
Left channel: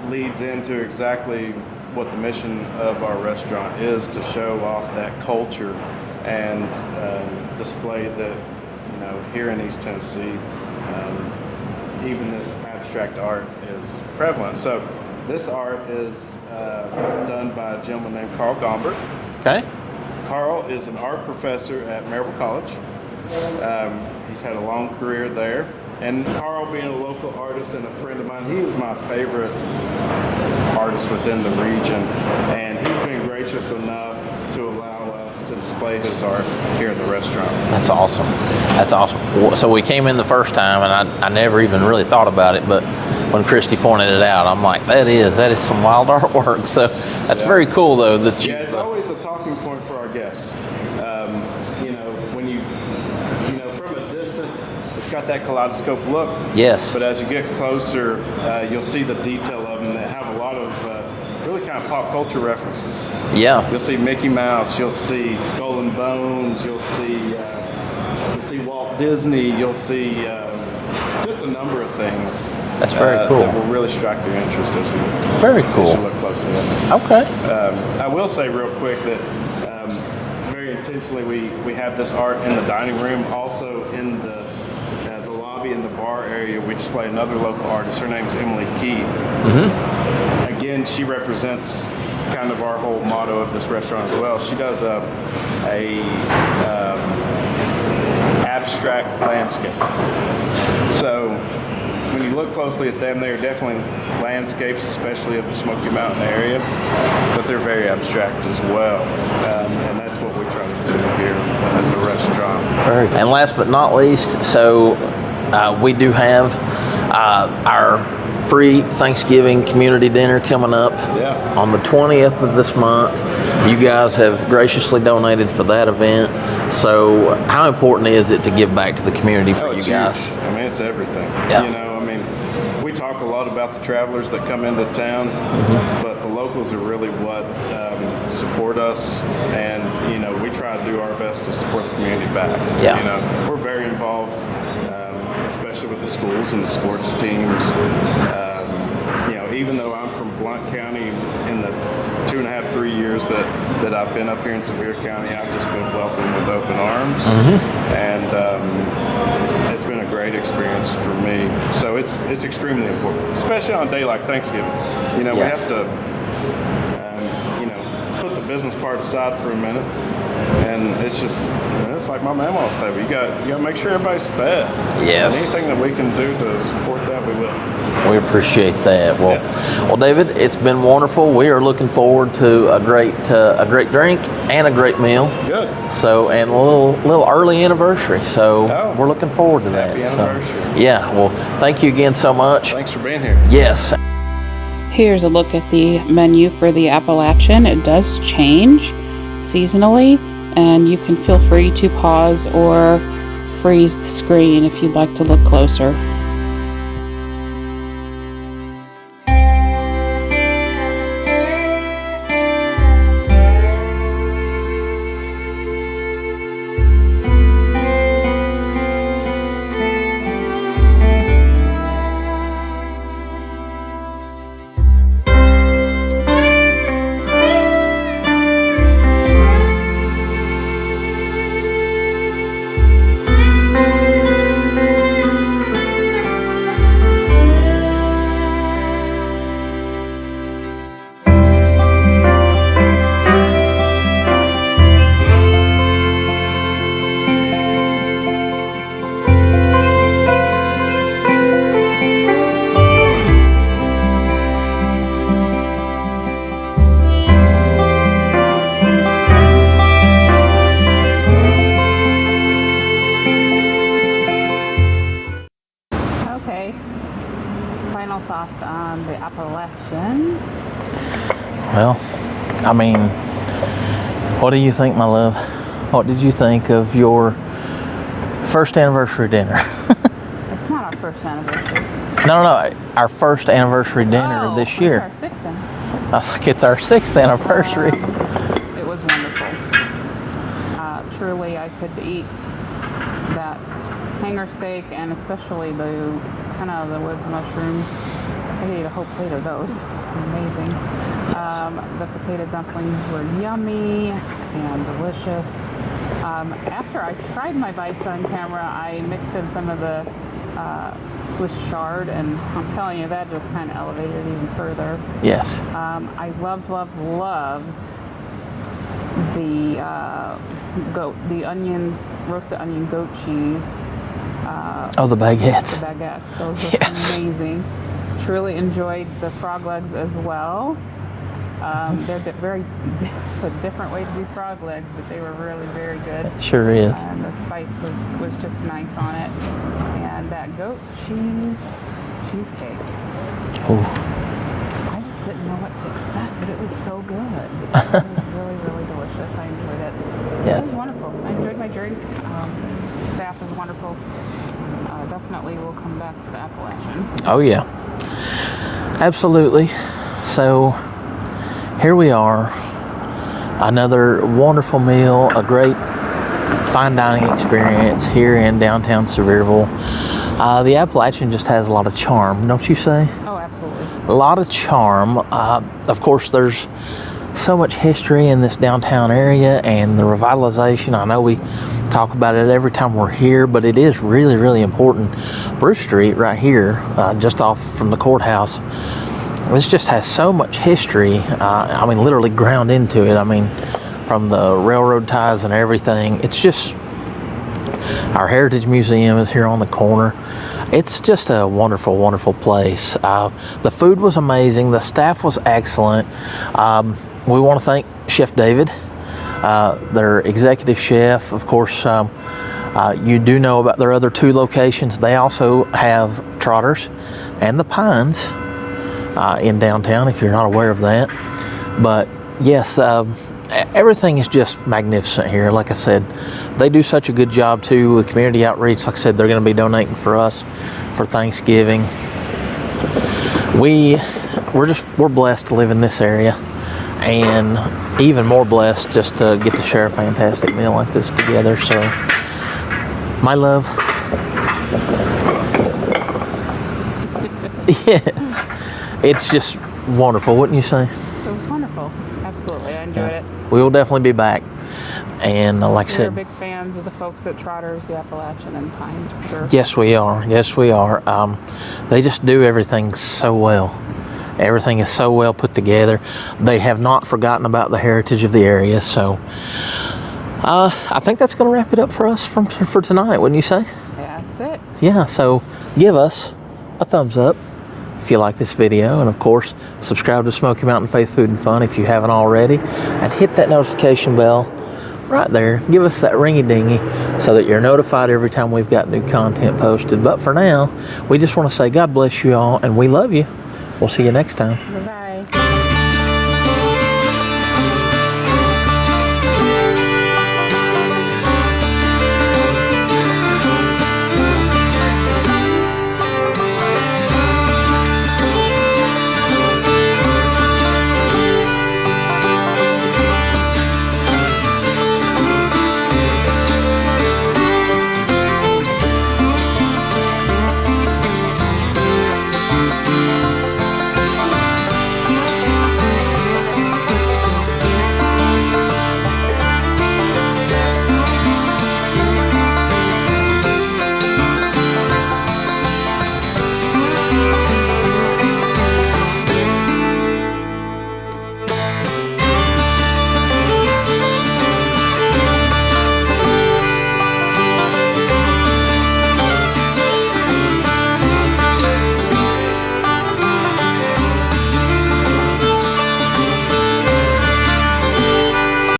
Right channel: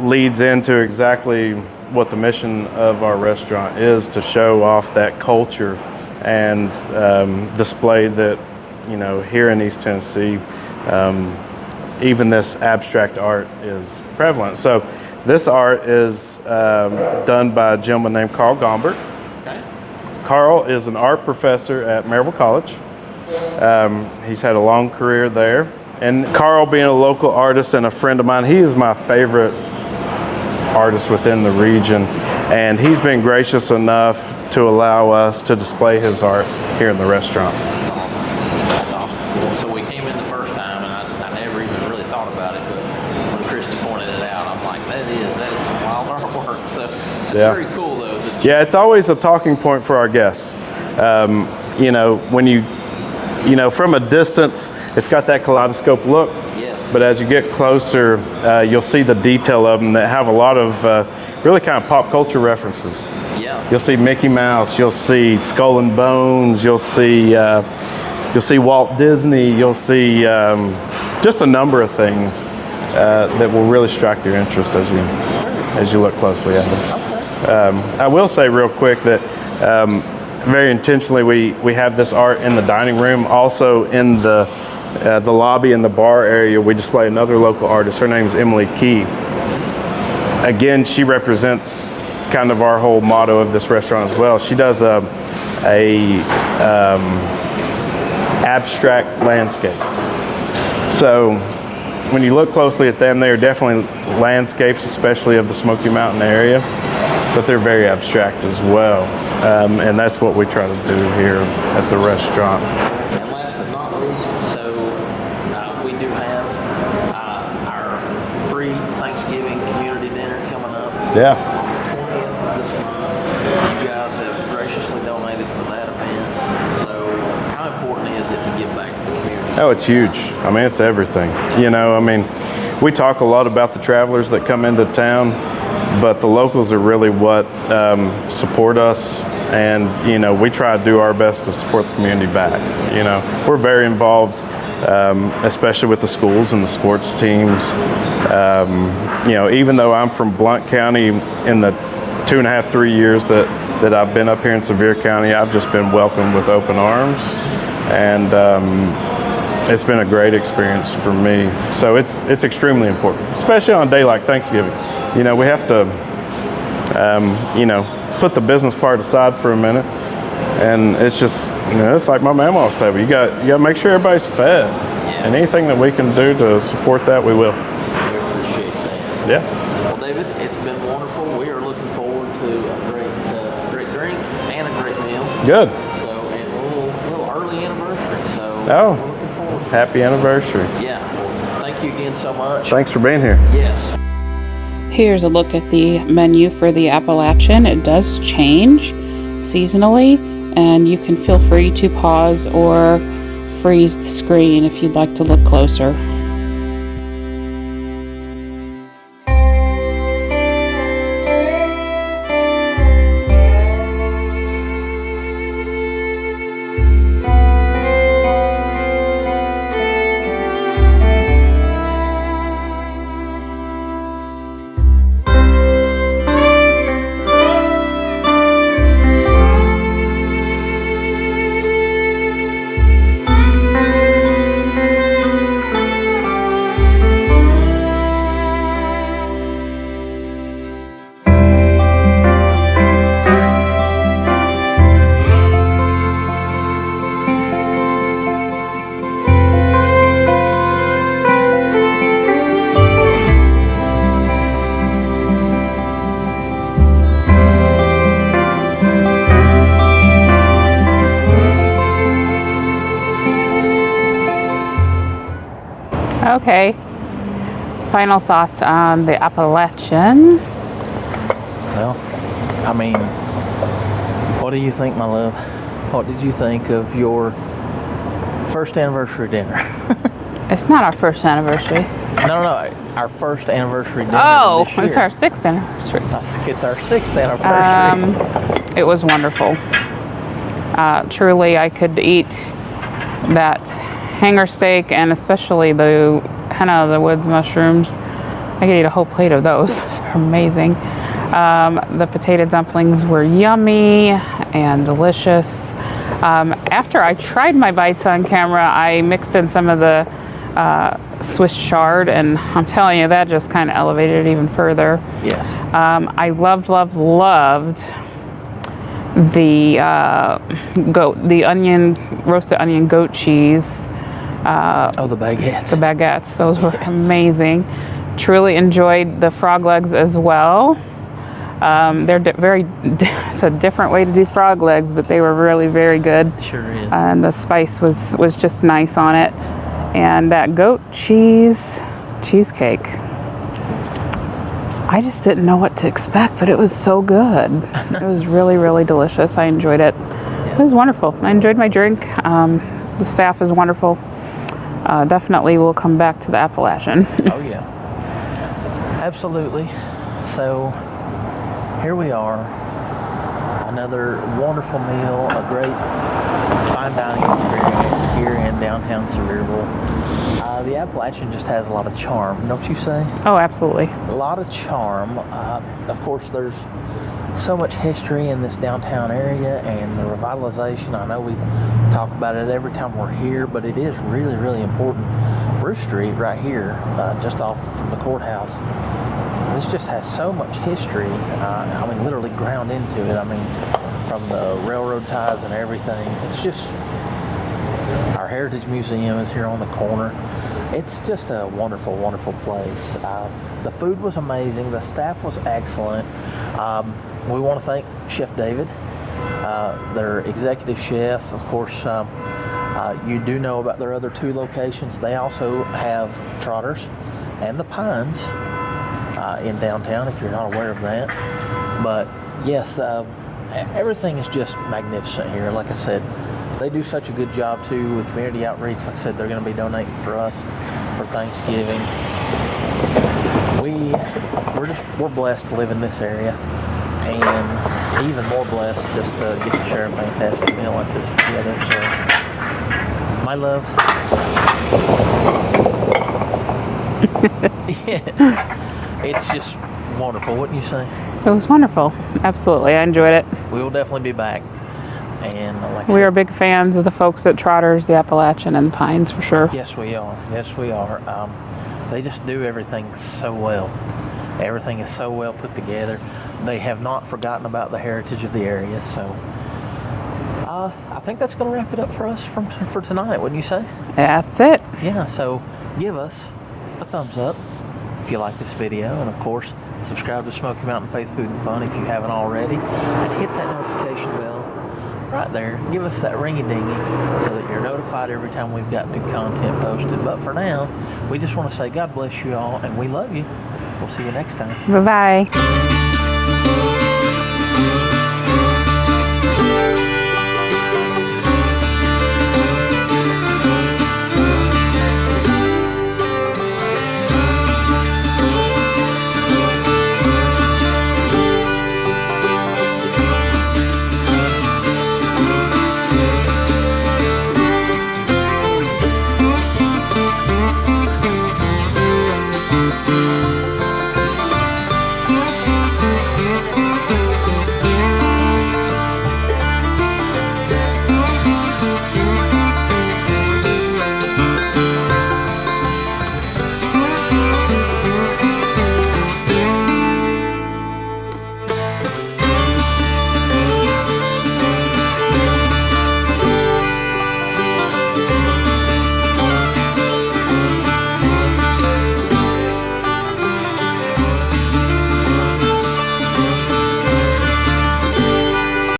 leads into exactly what the mission of our restaurant is, to show off that culture and display that, you know, here in East Tennessee, even this abstract art is prevalent. So this art is done by a gentleman named Carl Gombert. Okay. Carl is an art professor at Maryville College. He's had a long career there. And Carl, being a local artist and a friend of mine, he is my favorite artist within the region. And he's been gracious enough to allow us to display his art here in the restaurant. That's awesome. That's awesome. So we came in the first time, and I never even really thought about it, but when Christy pointed it out, I'm like, that is some wild artwork. So that's very cool, though. It's always a talking point for our guests. You know, when you from a distance, it's got that kaleidoscope look. Yes. But as you get closer, you'll see the detail of them that have a lot of really kind of pop culture references. Yeah. You'll see Mickey Mouse. You'll see Skull and Bones. You'll see Walt Disney. You'll see just a number of things. That's very cool. That will really strike your interest as you look closely at them. Okay. I will say real quick that very intentionally we have this art in the dining room. Also in the lobby and the bar area, we display another local artist. Her name is Emily Key. Mm-hmm. Again, she represents kind of our whole motto of this restaurant as well. She does a abstract landscape. So when you look closely at them, they are definitely landscapes, especially of the Smoky Mountain area. but they're very abstract as well. And that's what we try to do here at the restaurant. And last but not least, so we do have our free Thanksgiving community dinner coming up on the 20th of this month. You guys have graciously donated for that event. So how important is it to give back to the community? Oh, it's huge. I mean, it's everything. You know, I mean, we talk a lot about the travelers that come into town, but the locals are really what support us. And, you know, we try to do our best to support the community back. You know, we're very involved, especially with the schools and the sports teams. You know, even though I'm from Blount County, in the 2.5, 3 years that I've been up here in Sevier County, I've just been welcomed with open arms. And it's been a great experience for me. So it's extremely important, especially on a day like Thanksgiving. You know, we have to, you know, put the business part aside for a minute. And it's just, you know, it's like my mama's table. You got to make sure everybody's fed. And anything that we can do to support that, we will. We appreciate that. Well, well, David, it's been wonderful. We are looking forward to a great drink and a great meal. Good. So, and a little early anniversary. So we're looking forward to that. Happy anniversary. So, yeah. Well, thank you again so much. Thanks for being here. Yes. Here's a look at the menu for the Appalachian. It does change seasonally, and you can feel free to pause or freeze the screen if you'd like to look closer. Okay, final thoughts on the Appalachian. Well, I mean, what do you think, my love? What did you think of your first anniversary dinner? It's not our first anniversary. No, our first anniversary dinner this year. It's our 6th anniversary. I think it's our 6th anniversary. It was wonderful. Truly, I could eat that hanger steak and especially the henna of the woods mushrooms. I could eat a whole plate of those. Those are amazing. The potato dumplings were yummy and delicious. After I tried my bites on camera, I mixed in some of the Swiss chard, and I'm telling you, that just kind of elevated it even further. Yes. I loved the roasted onion goat cheese. The baguettes. The baguettes, those were amazing. Truly enjoyed the frog legs as well. It's a different way to do frog legs, but they were really very good. Sure is. And the spice was just nice on it. And that goat cheesecake. Ooh. I just didn't know what to expect, but it was so good. It was really, really delicious. I enjoyed it. Yeah. It was wonderful. I enjoyed my drink. The staff is wonderful. Definitely will come back to the Appalachian. Oh yeah, absolutely. So here we are, another wonderful meal, a great fine dining experience here in downtown Sevierville. The Appalachian just has a lot of charm, don't you say? Oh, absolutely. A lot of charm. Of course, there's so much history in this downtown area and the revitalization. I know we talk about it every time we're here, but it is really, really important. Bruce Street right here, just off from the courthouse, this just has so much history. I mean, literally ground into it. I mean, from the railroad ties and everything. It's just, our Heritage Museum is here on the corner. It's just a wonderful, wonderful place. The food was amazing. The staff was excellent. We want to thank Chef David, their executive chef. Of course, you do know about their other 2 locations. They also have Trotters and the Pines in downtown, if you're not aware of that. But yes, everything is just magnificent here. Like I said, they do such a good job too with community outreach. Like I said, they're going to be donating for us for Thanksgiving. We're blessed to live in this area, and even more blessed just to get to share a fantastic meal like this together. So, my love. Yes, it's just wonderful, wouldn't you say? It was wonderful. Absolutely, I enjoyed it. We will definitely be back. And like I said, We are big fans of the folks at Trotters, the Appalachian, and the Pines for sure. Yes, we are. Yes, we are. They just do everything so well. Everything is so well put together. They have not forgotten about the heritage of the area. So I think that's going to wrap it up for us for tonight, wouldn't you say? That's it. Yeah, so give us a thumbs up if you like this video, and of course subscribe to Smoky Mountain Faith Food and Fun if you haven't already, and hit that notification bell right there. Give us that ringy dingy so that you're notified every time we've got new content posted. But for now, we just want to say God bless you all, and we love you. We'll see you next time. Bye-bye.